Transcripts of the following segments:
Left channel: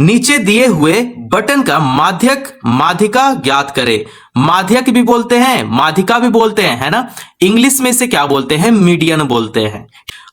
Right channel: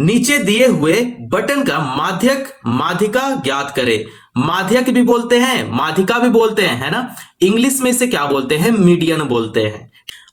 नीचे दिए हुए बटन का माध्यक माध्यिका ज्ञात करें। माध्यक भी बोलते हैं, माध्यिका भी बोलते हैं, है ना। इंग्लिश में इसे क्या बोलते हैं? मीडियन बोलते हैं।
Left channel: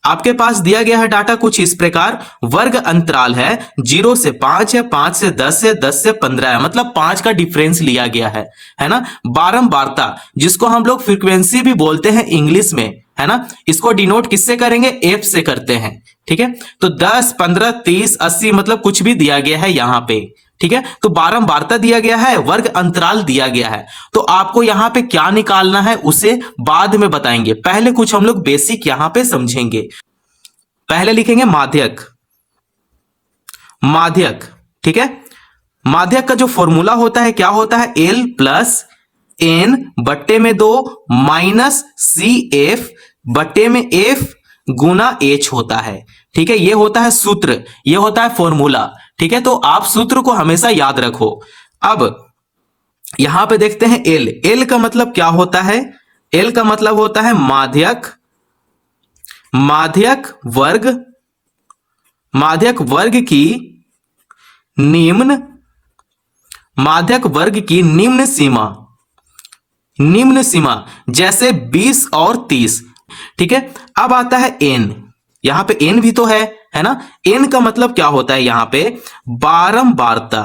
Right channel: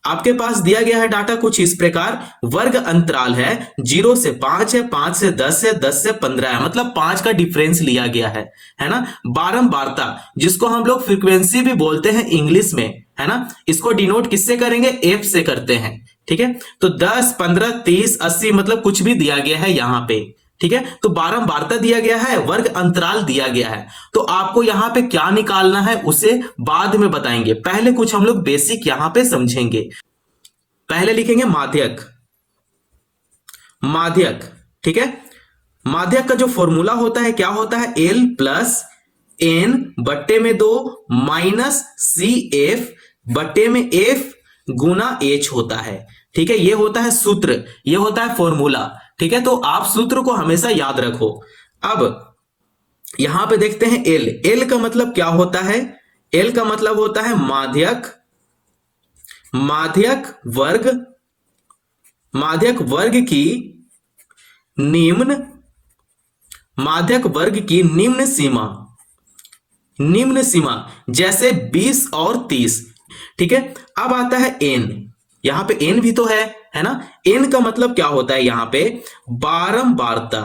आपके पास दिया गया है डाटा कुछ इस प्रकार। वर्ग अंतराल है 0 से 5 है, 5 से 10 है, 10 से 15 है, मतलब 5 का डिफरेंस लिया गया है ना। बारंबारता, जिसको हम लोग फ्रीक्वेंसी भी बोलते हैं इंग्लिश में, है ना, इसको डिनोट किससे करेंगे? एफ से करते हैं। ठीक है, तो 10, 15, 30, 80 मतलब कुछ भी दिया गया है यहां पे। ठीक है, तो बारंबारता दिया गया है, वर्ग अंतराल दिया गया है, तो आपको यहां पे क्या निकालना है उसे बाद में बताएंगे। पहले कुछ हम लोग बेसिक यहां पे समझेंगे। पहले लिखेंगे माध्यक। माध्यक, ठीक है। माध्यक का जो फॉर्मूला होता है क्या होता है? एल प्लस एन बट्टे में 2 माइनस सी एफ बट्टे में एफ गुना एच होता है। ठीक है, ये होता है सूत्र, ये होता है फॉर्मूला। ठीक है, तो आप सूत्र को हमेशा याद रखो। अब यहां पे देखते हैं एल। एल का मतलब क्या होता है? एल का मतलब होता है माध्यक, माध्यक वर्ग, माध्यक वर्ग की निम्न, माध्यक वर्ग की निम्न सीमा, निम्न सीमा जैसे 20 और 30। ठीक है, अब आता है एन। यहां पे एन भी तो है ना। एन का मतलब क्या होता है? यहां पे बारंबारता,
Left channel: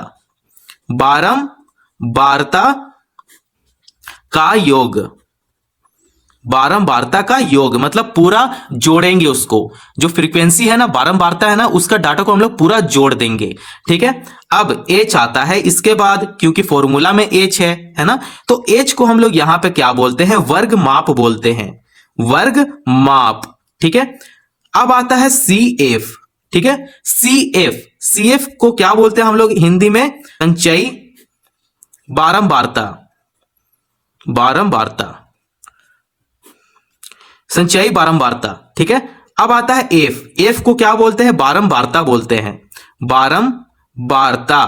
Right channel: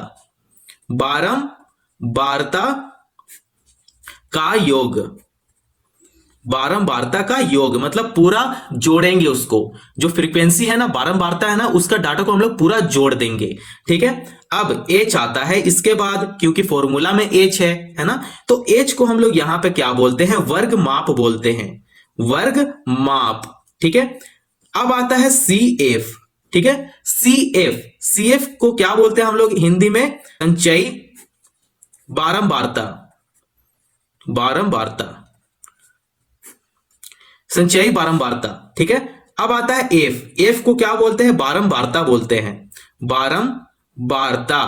बारंबारता का योग, बारंबारता का योग मतलब पूरा जोड़ेंगे उसको। जो फ्रीक्वेंसी है ना, बारंबारता है ना, उसका डाटा को हम लोग पूरा जोड़ देंगे। ठीक है, अब एच आता है इसके बाद, क्योंकि फॉर्मूला में एच है ना, तो एच को हम लोग यहां पे क्या बोलते हैं? वर्ग माप बोलते हैं, वर्ग माप। ठीक है, अब आता है सी एफ। ठीक है, सी एफ, सी एफ को क्या बोलते हैं हम लोग हिंदी में? संचयी बारंबारता, बारंबारता, संचयी बारंबारता। ठीक है, अब आता है एफ। एफ को क्या बोलते हैं? बारंबारता बोलते हैं, बारंबारता।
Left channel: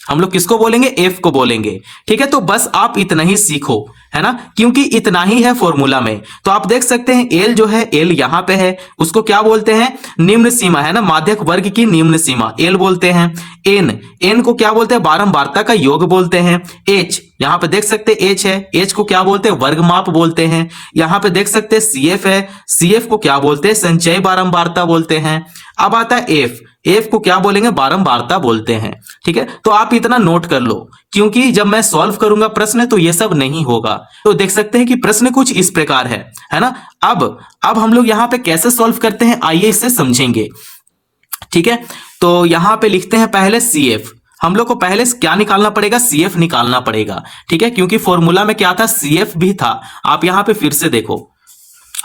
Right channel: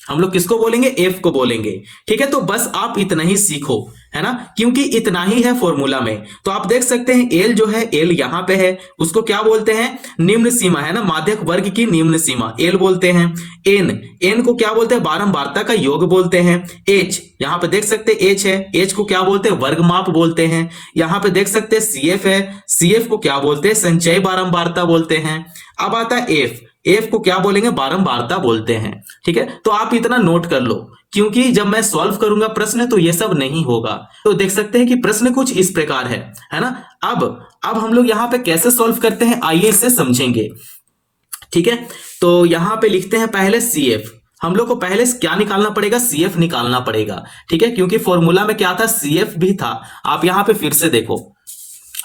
हम लोग किसको बोलेंगे? एफ को बोलेंगे। ठीक है, तो बस आप इतना ही सीखो, है ना, क्योंकि इतना ही है फॉर्मूला में। तो आप देख सकते हैं एल जो है, एल यहां पे है, उसको क्या बोलते हैं? निम्न सीमा, है ना, माध्यक वर्ग की निम्न सीमा एल बोलते हैं। एन, एन को क्या बोलते हैं? बारंबारता का योग बोलते हैं। एच, यहां पे देख सकते हैं एच है, एच को क्या बोलते हैं? वर्ग माप बोलते हैं। यहां पे देख सकते हैं सी एफ है, सी एफ को क्या बोलते हैं? संचयी बारंबारता बोलते हैं। अब आता है एफ, एफ को क्या बोलेंगे? बारंबारता बोलते हैं। ठीक है, तो आप इतना नोट कर लो, क्योंकि जब मैं सॉल्व करूंगा प्रश्न तो ये सब नहीं होगा। तो देख सकते हैं कि प्रश्न कुछ इस प्रकार है ना। अब हम लोग यहां पे कैसे सॉल्व करते हैं, आइए इसे समझेंगे। ठीक है, तो यहां पे लिखते हैं पहले सी एफ। हम लोग को पहले क्या निकालना पड़ेगा? सी एफ निकालना पड़ेगा। ठीक है, क्योंकि फॉर्मूला में क्या था? सी एफ भी था। आप यहां पे फिर से देखो,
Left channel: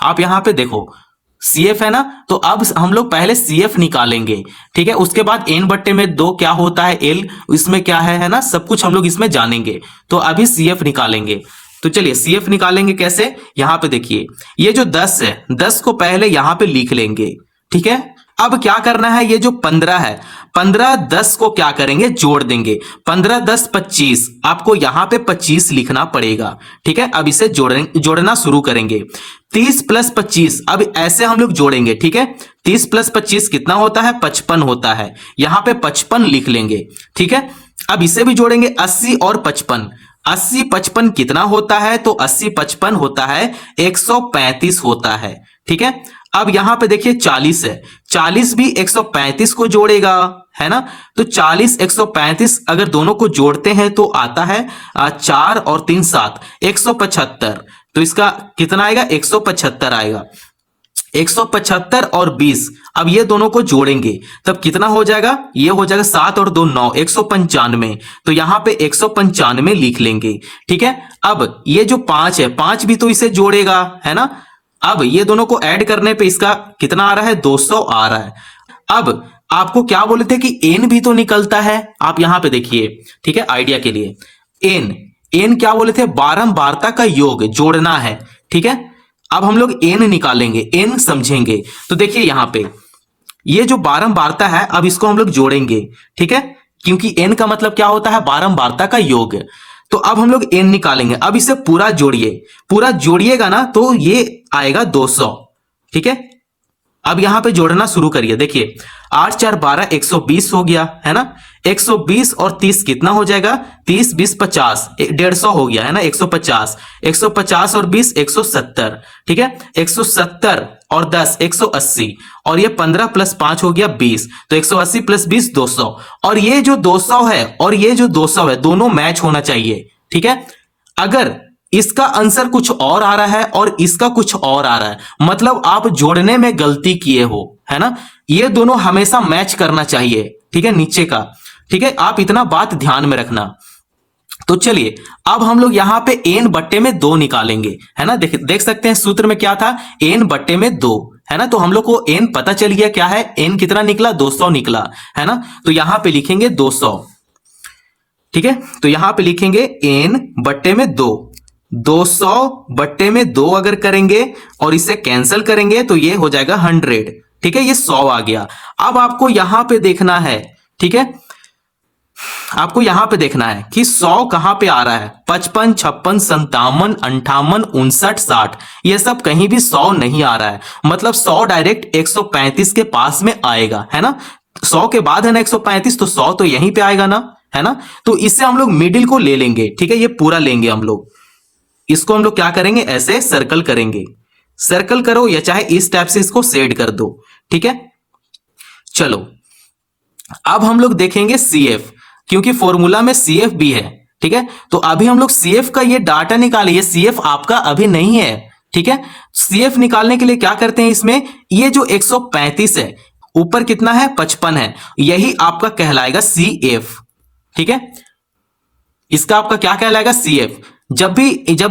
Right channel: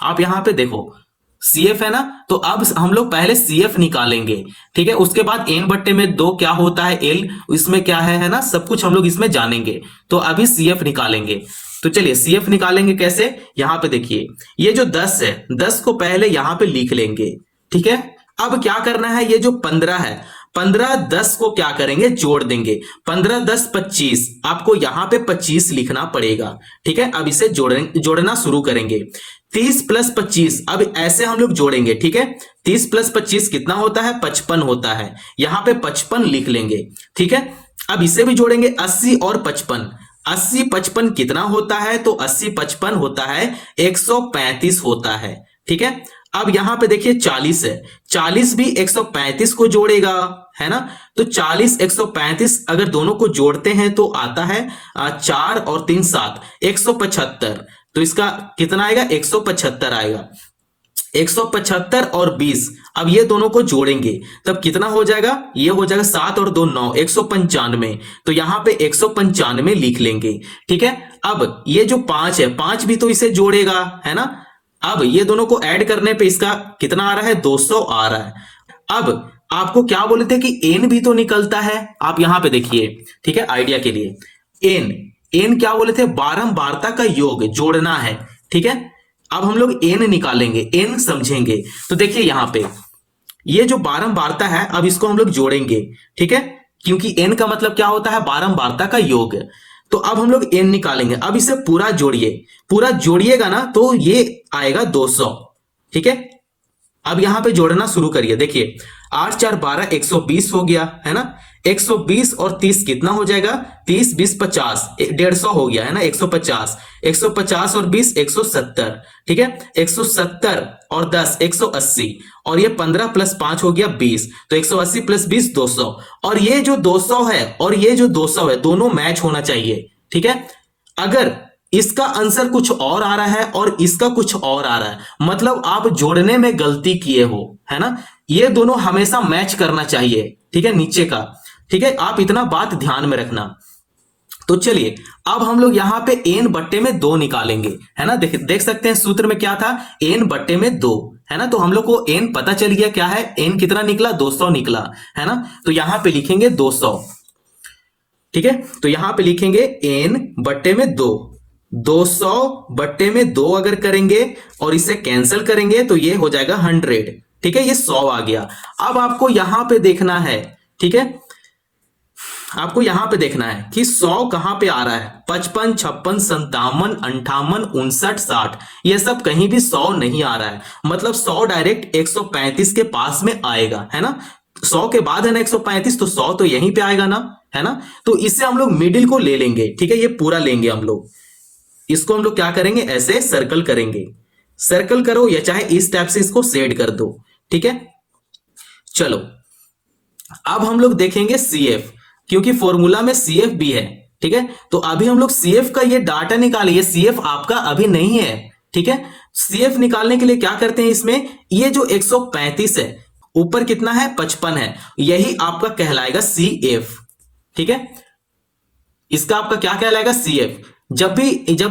आप यहां पे देखो सीएफ है ना, तो अब हम लोग पहले सीएफ निकालेंगे। ठीक है, उसके बाद एन बट्टे में 2 क्या होता है? एल, इसमें क्या है ना, सब कुछ हम लोग इसमें जानेंगे। तो अभी सीएफ निकालेंगे। तो चलिए सीएफ निकालेंगे कैसे? यहां पे देखिए, ये जो 10 है, 10 को पहले यहां पे लिख लेंगे। ठीक है, अब क्या करना है? ये जो 15 है, 15 10 को क्या करेंगे? जोड़ देंगे। 15 10 25, आपको यहां पे 25 लिखना पड़ेगा। ठीक है, अब इसे जोड़ना शुरू करेंगे। 30 प्लस 25, अब ऐसे हम लोग जोड़ेंगे। ठीक है, 30 प्लस 25 कितना होता है? 55 होता है। यहां पे 55 लिख लेंगे। ठीक है, अब इसे भी जोड़ेंगे, 80 और 55। 80 55 कितना होता है? तो 80 55 होता है 135 होता है। ठीक है, अब यहां पे देखिए 40 है, 40 भी 135 को जोड़ेगा, है ना। तो 40 135 अगर दोनों को जोड़ते हैं तो आता है 4 और 3 7, 175। तो इसका कितना आएगा? 175 आएगा। 175 और 20, अब ये दोनों को जोड़ेंगे तब कितना हो जाएगा? ये हो जाएगा 7 और 2 9, 195। तो यहां पे 195 लिख लेंगे। ठीक है, अब ये जो 5 है, 5 भी तो इसे जोड़ेगा, है ना। अब ये दोनों को ऐड करने पे इसका कितना आ रहा है? 200 आ रहा है। अब आपको क्या बोले थे कि एन भी तो निकलता है, आप यहां पे देखिए। ठीक है, आइडिया के लिए एन, एन क्या बोले थे? बारंबारता का योग जोड़ना है। ठीक है, अब हम लोग एन निकालेंगे, एन समझेंगे। तो देखिए यहां पे ये जो बारंबारता है, अब इसको हम लोग जोड़ेंगे। ठीक है, क्योंकि एन का मतलब क्या होता है? बारंबारता का योग। तो अब हम लोग एन निकालेंगे। अब इसे पूरा जोड़िए, पूरा जोड़िएगा ना तो ये आएगा 200। ठीक है, अब यहां पे जोड़ना शुरू करिए। देखिए 8 4 12 120 हो गया है ना। 120 और 30 कितना हो जाएगा, 30 20 50, 150 हो गया है ना, 150, 150 और 20 170, ठीक है। 170 और 10 180, और ये 15 प्लस 5 हो गया 20, तो 180 प्लस 20 200, और ये जो 200 है और ये जो 200 है दोनों मैच होना चाहिए, ठीक है। अगर इसका आंसर कुछ और आ रहा है और इसका कुछ और आ रहा है, मतलब आप जोड़ने में गलती किए हो, है ना। ये दोनों हमेशा मैच करना चाहिए, ठीक है, नीचे का, ठीक है। आप इतना बात ध्यान में रखना। तो चलिए अब हम लोग यहां पे n बट्टे में 2 निकालेंगे, है ना। देख सकते हैं सूत्र में क्या था, n बट्टे में 2, है ना। तो हम लोग को n पता चल गया क्या है, n कितना निकला, 200 निकला, है ना। तो यहां पे लिखेंगे 200, ठीक है। तो यहां पे लिखेंगे n बट्टे में 2, 200 बट्टे में 2 अगर करेंगे और इसे कैंसिल करेंगे तो ये हो जाएगा 100, ठीक है। ये 100 आ गया। अब आपको यहां पे देखना है, ठीक है, आपको यहां पे देखना है कि 100 कहां पे आ रहा है, 55 56 57 58 59 60, ये सब कहीं भी 100 नहीं आ रहा है, मतलब 100 डायरेक्ट 135 के पास में आएगा, है ना। 100 के बाद है ना 135, तो 100 तो यहीं पे आएगा ना, है ना। तो इससे हम लोग मिडिल को ले लेंगे, ठीक है, ये पूरा लेंगे हम लोग। इसको हम लोग क्या करेंगे, ऐसे सर्कल करेंगे, सर्कल करो या चाहे इस टाइप से इसको सेट कर दो, ठीक है। चलो अब हम लोग देखेंगे CF, क्योंकि फॉर्मूला में CF भी है, ठीक है। तो अभी हम लोग CF का ये डाटा निकालिए, CF आपका अभी नहीं है, ठीक है। CF निकालने के लिए क्या करते हैं, इसमें ये जो 135 है, ऊपर कितना है 55 है, यही आपका कहलाएगा CF, ठीक है। इसका आपका क्या कहलाएगा, CF। जब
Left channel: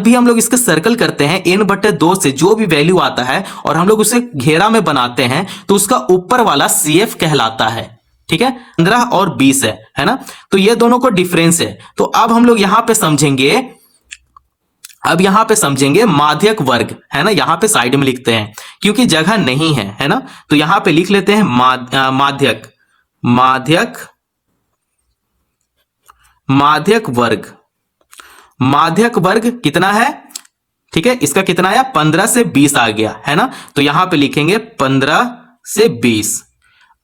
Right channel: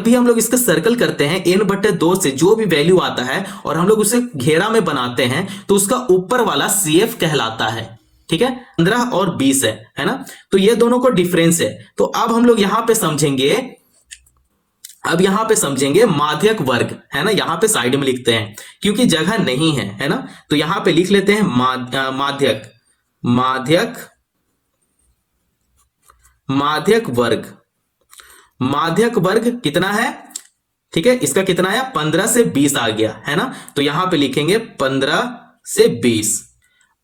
भी हम लोग इसका सर्कल करते हैं n बटे 2 से जो भी वैल्यू आता है और हम लोग उसे घेरा में बनाते हैं तो उसका ऊपर वाला CF कहलाता है, ठीक है। 15 और 20 है ना। तो ये दोनों को डिफरेंस है। तो अब हम लोग यहां पे समझेंगे, अब यहां पे समझेंगे माध्यक वर्ग, है ना। यहां पे साइड में लिखते हैं क्योंकि जगह नहीं है ना। तो यहां पे लिख लेते हैं माध्यक, माध्यक, माध्यक वर्ग। माध्यक वर्ग कितना है, ठीक है, इसका कितना आया, 15 से 20 आ गया, है ना। तो यहां पे लिखेंगे 15 से 20।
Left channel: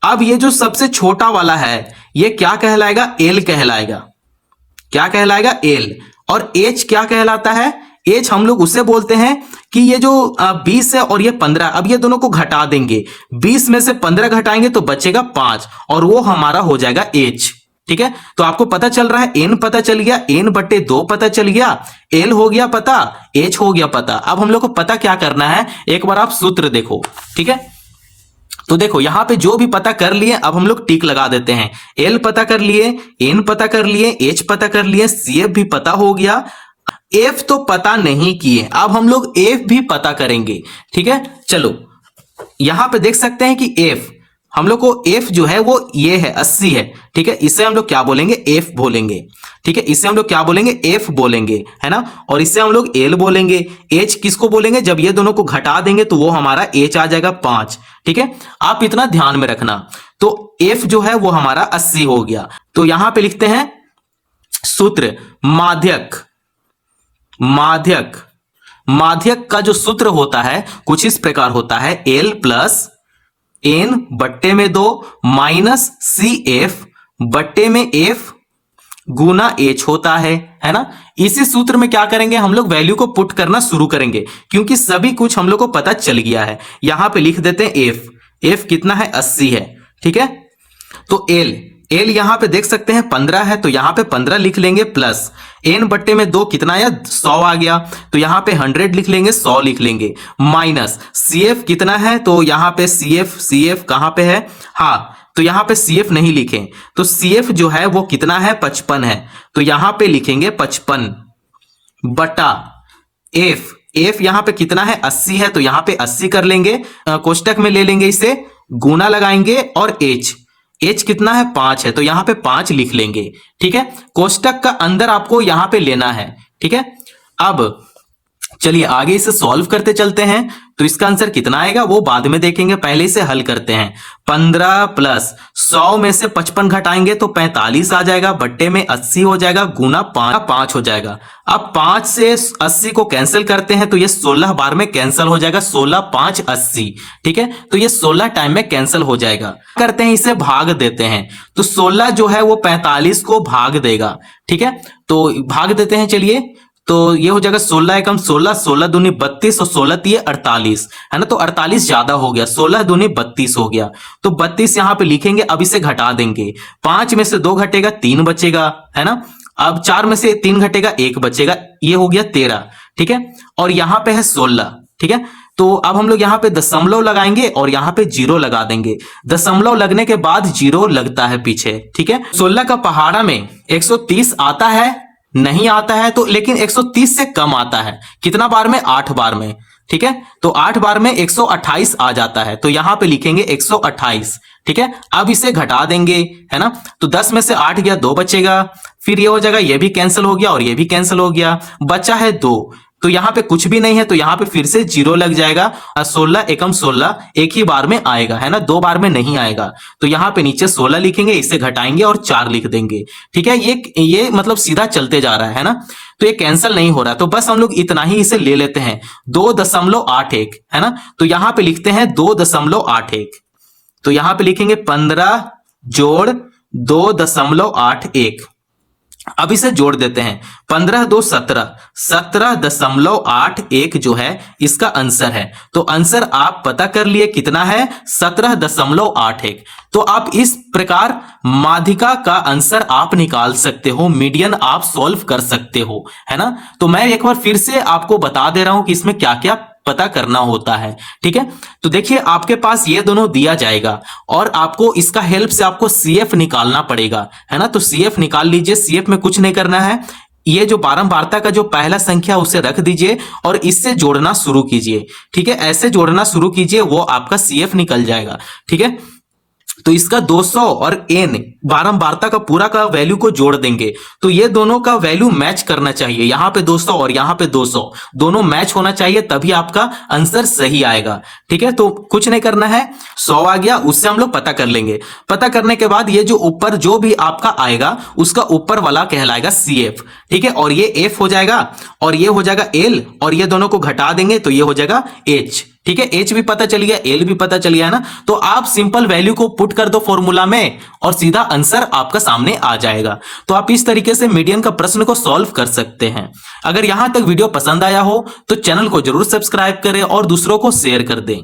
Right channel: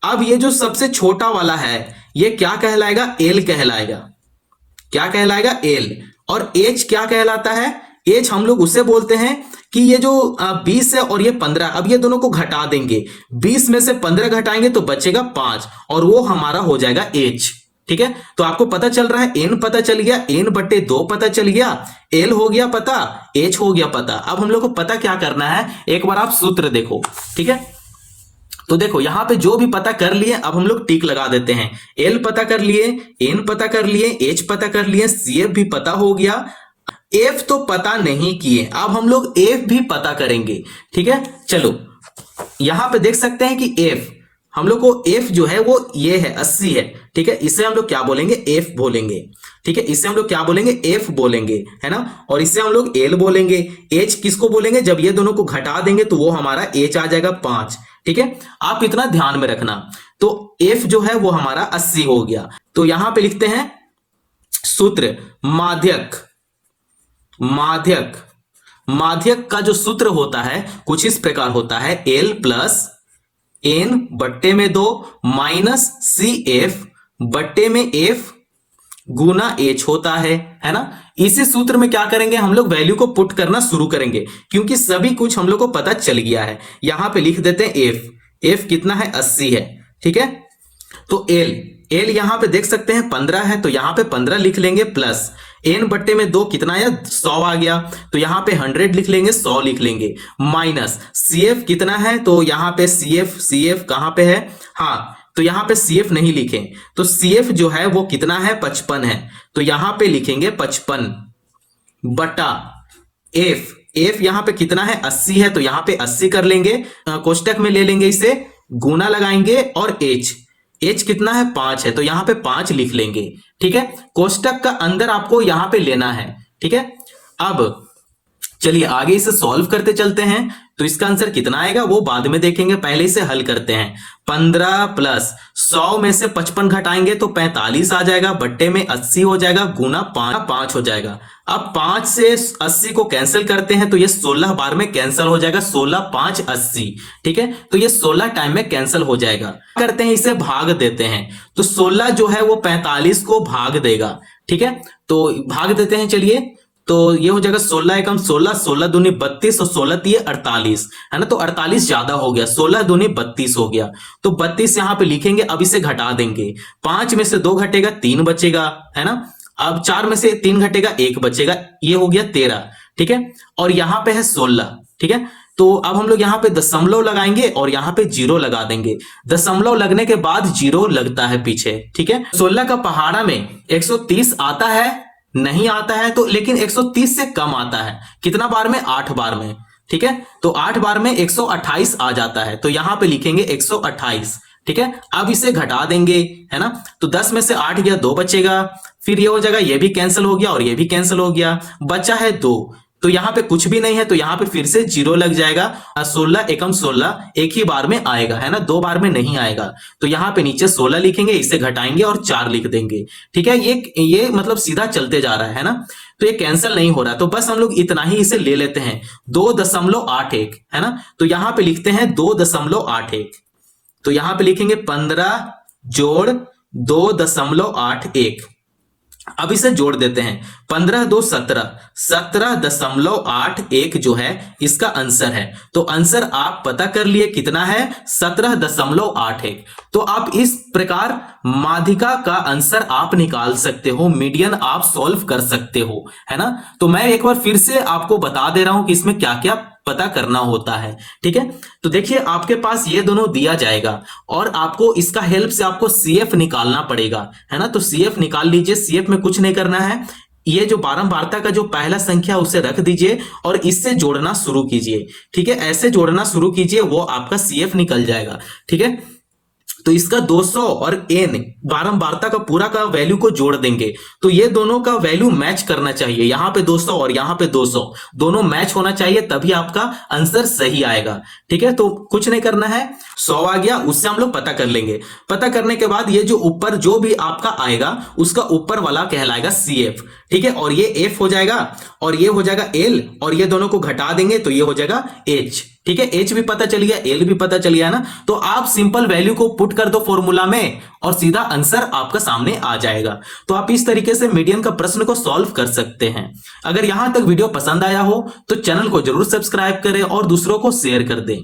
अब ये जो सबसे छोटा वाला है ये क्या कहलाएगा, L कहलाएगा। क्या कहलाएगा, L। और H क्या कहलाता है, H हम लोग उससे बोलते हैं कि ये जो 20 है और ये 15, अब ये दोनों को घटा देंगे, 20 में से 15 घटाएंगे तो बचेगा 5, और वो हमारा हो जाएगा H, ठीक है। तो आपको पता चल रहा है, n पता चल गया, n बटे 2 पता चल गया, L हो गया पता, H हो गया पता। अब हम लोग को पता क्या करना है, एक बार आप सूत्र देखो, ठीक है। तो देखो यहां पे जो भी पता कर लिए, अब हम लोग टिक लगा देते हैं। L पता कर लिए, n पता कर लिए, H पता कर लिए, CF भी पता हो गया, F तो पता नहीं किए, अब हम लोग F भी पता करेंगे, ठीक है। चलो यहां पे देख सकते हैं कि F, हम लोग को F जो है वो ये है 80 है, ठीक है। इसे हम लोग क्या बोलेंगे, F बोलेंगे, ठीक है। इसे हम लोग क्या बोलेंगे, F बोलेंगे, है ना। और इससे हम लोग L बोलेंगे। H किसको बोलेंगे, जब ये दोनों को घटा देंगे तो वो हमारा H आ जाएगा 5, ठीक है। आप इतना ध्यान में रखना। तो F जो है वो हमारा 80 हो गया। तो यहां पे लिखते हैं सूत्र माध्यक, माध्यक, माध्यक का जो सूत्र होता है कुछ इस प्रकार होता है, L प्लस n बट्टे में 2 माइनस CF बट्टे में F गुना H होता है ना। इसी सूत्र में क्या करेंगे, हम लोग वैल्यू को पुट करना शुरू करेंगे क्योंकि सभी कुछ हम लोग को पता चल गया है। यहां पे लिख देते हैं F, F कितना है 80 है, ठीक है। तो L, L यहां पे देख सकते हैं 15 है, तो यहां पे 15 लिख लेंगे, प्लस n बट्टे में 2 कितना आया 100 आ गया, तो यहां पे 100 लिख लेंगे, 100 लिख लेंगे, माइनस CF कितना है, तो यहां पे CF कहां पे है, हाँ तो यहां पे CF नहीं लिखे, तो CF जो है वो कितना है 55 है, तो यहां पे लिखेंगे 55 बटा F यहां पे कितना है 80 है, तो यहां पे 80 कर लेंगे, कोष्टक में ले लेंगे, इसे गुना लगाएंगे, और H कितना है 5 है, तो यहां पे 5 लिख लेंगे, ठीक है। कोष्टक का अंदर आपको यहां पे लेना है, ठीक है। अब चलिए आगे इसे सॉल्व करते चलते हैं। तो इसका आंसर कितना आएगा वो बाद में देखेंगे, पहले इसे हल करते हैं। 15 प्लस 100 में से 55 घटाएंगे तो 45 आ जाएगा, बट्टे में 80 हो जाएगा, गुना 5 हो जाएगा। अब 5 से 80 को कैंसिल करते हैं तो ये 16 बार में कैंसिल हो जाएगा, 16 5 80। ठीक है, तो ये 16 टाइम में कैंसिल हो जाएगा। करते हैं इसे भाग देते हैं, तो 16 जो है वो 45 को भाग देगा। ठीक है, तो भाग देते हैं। चलिए, तो ये हो जाएगा 16 एकम 16, 16 दूनी 32 और 16 तिये 48, है ना। तो 48 ज्यादा हो गया, 16 दूनी 32 हो गया। तो 32 यहां पे लिखेंगे, अब इसे घटा देंगे। 5 में से 2 घटेगा 3 बचेगा, है ना। अब 4 में से 3 घटेगा 1 बचेगा, ये हो गया 13। ठीक है, और यहां पे है 16। ठीक है, तो अब हम लोग यहाँ पे दशमलव लगाएंगे और यहाँ पे जीरो लगा देंगे। दशमलव लगने के बाद जीरो लगता है पीछे। ठीक है, 16 का पहाड़ा में 130 आता है, नहीं आता है तो, लेकिन 130 से कम आता है। कितना बार में? 8 बार में। ठीक है, तो 8 बार में 128 आ जाता है, तो यहां पे लिखेंगे 128। ठीक है, अब इसे घटा देंगे, है ना। तो 10 में से 8 गया, 2 बचेगा। फिर ये हो जाएगा, ये भी कैंसिल हो गया और ये भी कैंसिल हो गया, बचा है 2। तो यहां पे कुछ भी नहीं है, तो यहां पे फिर से जीरो लग जाएगा। 16 एकम 16 एक ही बार में आएगा, है ना, 2 बार में नहीं आएगा। तो यहां पे नीचे 16 लिखेंगे, इसे घटाएंगे और 4 लिख देंगे। ठीक है, ये मतलब सीधा चलते जा रहा है ना, तो ये कैंसिल नहीं हो रहा। तो बस हम लोग इतना ही इसे ले लेते हैं, 2.81, है ना। तो यहां पे लिखते हैं 2.81। तो यहां पे लिखेंगे 15 जोड़ 2.81। अब इसे जोड़ देते हैं, 15 2 17, 17.81 जो है इसका आंसर है। तो आंसर आप पता कर लिए कितना है, 17.81। तो आप इस प्रकार माध्यिका का आंसर आप निकाल सकते हो, मीडियन आप सॉल्व कर सकते हो, है ना। तो मैं एक बार फिर से आपको बता दे रहा हूं कि इसमें क्या क्या पता करना होता है। ठीक है, तो देखिए आपके पास ये दोनों दिया जाएगा और आपको इसका हेल्प से आपको सीएफ निकालना पड़ेगा, है ना। तो सीएफ निकाल लीजिए। सीएफ में कुछ नहीं करना है, ये जो बारंबारता का जो पहला संख्या उसे रख दीजिए और इससे जोड़ना शुरू कीजिए। ठीक है, ऐसे जोड़ना शुरू कीजिए, वो आपका सीएफ निकल जाएगा। ठीक है, तो इसका 200 और n बारंबारता का पूरा का वैल्यू को जोड़ देंगे, तो ये दोनों का वैल्यू मैच करना चाहिए। यहां पे 200 और यहां पे 200 दोनों मैच होना चाहिए, तभी आपका आंसर सही आएगा। ठीक है, तो कुछ नहीं करना है, 100 आ गया, उससे हम लोग पता कर लेंगे। पता करने के बाद ये जो ऊपर जो भी आपका आएगा उसका ऊपर वाला कहलाएगा CF। ठीक है, और ये F हो जाएगा और ये हो जाएगा L, और ये दोनों को घटा देंगे तो ये हो जाएगा H। ठीक है, H भी पता चल गया, L भी पता चल गया ना। तो आप सिंपल वैल्यू को पुट कर दो फॉर्मूला में और सीधा आंसर आपका सामने आ जाएगा। तो आप इस तरीके से मीडियन का प्रश्न को सॉल्व कर सकते हैं। अगर यहां तक वीडियो पसंद आया हो तो चैनल को जरूर सब्सक्राइब करें और दूसरों को शेयर कर दें।